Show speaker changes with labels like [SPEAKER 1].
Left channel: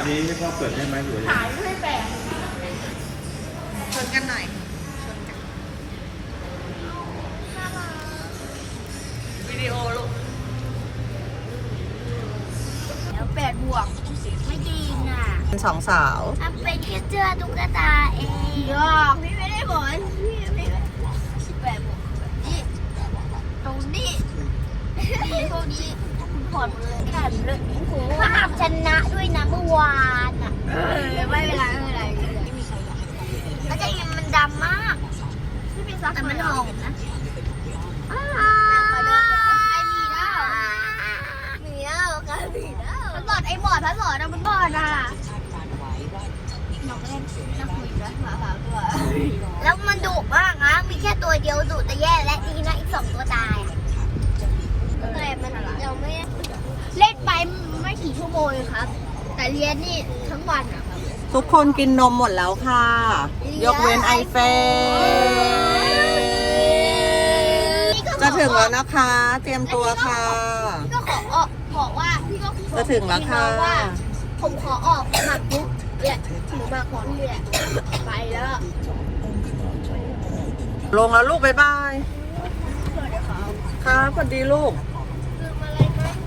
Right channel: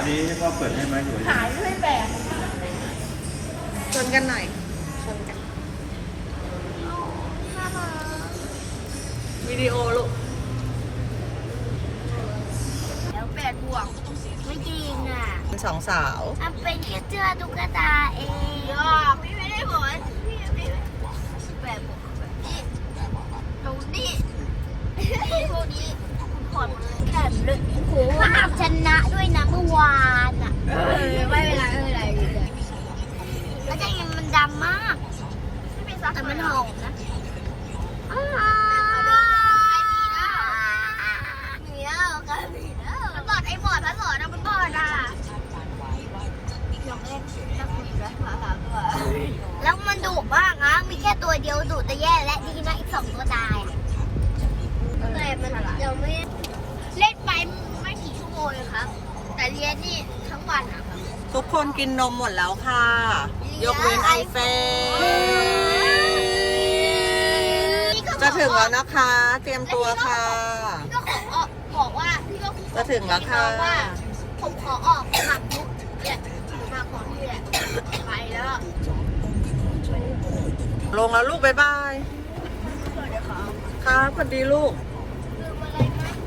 [SPEAKER 1] นี้ก็เปิดได้ไหมหรือ
[SPEAKER 2] ขายด้วยแบบ
[SPEAKER 3] ชนกันหน่อยชนกันวิดีโอลูก
[SPEAKER 2] แล้ว8 บวกไม่จริงอ่ะ
[SPEAKER 3] สองสาว
[SPEAKER 2] มันเป็นแค่เสื้อตุ๊กตาเองพี่ไม่ได้บอกพี่ไม่ได้8 บวกนี่ตรงนี้นี่พวกนี้คุณผ่อนเลยแต่เลยภาพชนะด้วยนะเมื่อวานอ่ะไม่เป็นไรไม่เป็นไรแล้วจะยังมันดำมากแต่มันหอมนะมันบอดไอ้บอดพัดบอดนะมันบอดอ่ะอยากเล่นนักบินนะแล้วมันดุมากนะมีแค่ตัวเดียวดุแต่แย่และดีนะอีก2 ตัวตายอะไรมันเราไม่เล่นไปไม่กี่ชั่วโมงครับ แต่เรียนนี่ทั้งวันอะครับ
[SPEAKER 3] ทุกคนกินนมหมดแล้วค่ะยกเว้นไอเฟจะถึงแล้วนะคะ เตรียมตัวค่ะ
[SPEAKER 2] พี่ก็ขอบอกว่าพี่ก็ขอ
[SPEAKER 3] จะถึงแล้วค่ะ
[SPEAKER 2] ว่า ผมขอออกมาปุ๊บเนี่ยมาขอที่แหละไปแล้ว
[SPEAKER 3] ลงแล้วลูกบ๊ายบายค่ะสวัสดีลูก